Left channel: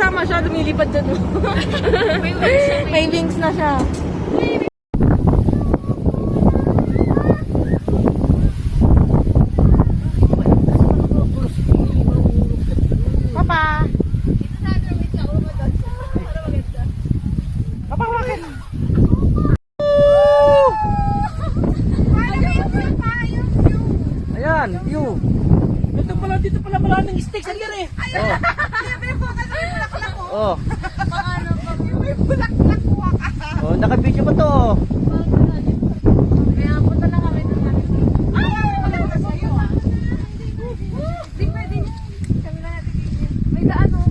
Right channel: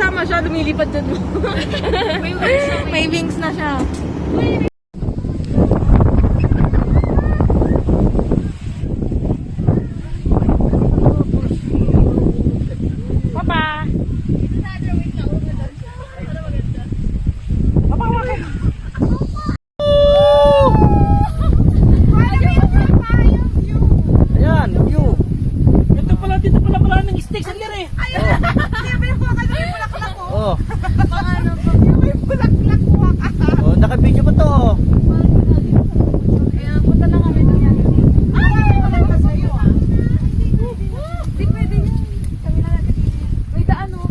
kasama siya, lumilipad siya doon. May wings na siya. Papa! Papa, bakit? Ayan, view. Ito pala, dito pala maraming steak sa liri. Oh. Paano pa? May bulaklak ko ka. Oh, naka-video ko to. Kaya punta na kami ng yan. Ay! Hindi pwede yan. Kami na natin may daan o.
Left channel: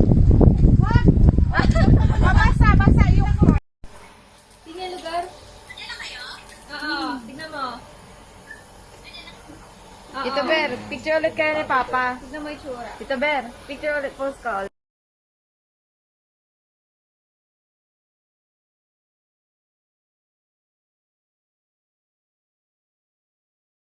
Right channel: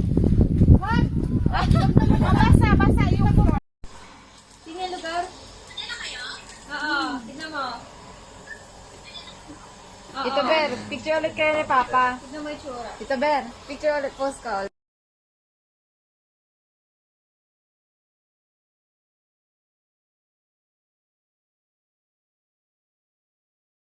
What? Basa yung po. Tingnan lugar. Tingnan na kayo? Oo, tingnan mo. Tito Ber, picture ulit kayo ni Papa. Tingnan mo yung tsura. Tito Ber, picture ulit, post call.